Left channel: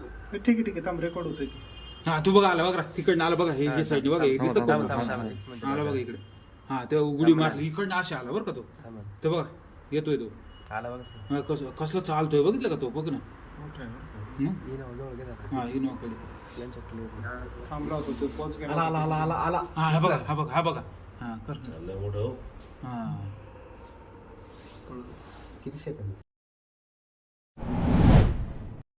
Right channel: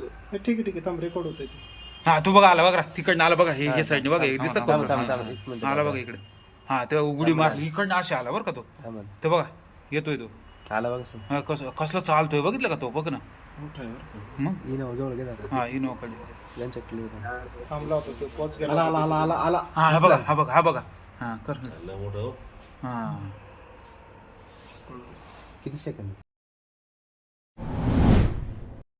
ठीक आहे ठीक आहे, थांब रेकॉर्ड होतोय ते. हा तू बघा आला बघा तिकडनं आला बघा हे साईडने बघा हे दिसत का आला बघा इकडे. हा तेव्हा उडी मारली इकडनं असे आला बरं का तो. ते बघा येतोय तो आला बघा सर. हा, कसलं चालतोय बघितलं का तो बघ ना मग. हा इनोकडे यांच्या क्लिअर थांबला होता तो, पॉज केला. आला आला आला आला आला. हा बघा हा बघा हा बघा हा कर मोठं हा किती सेकंद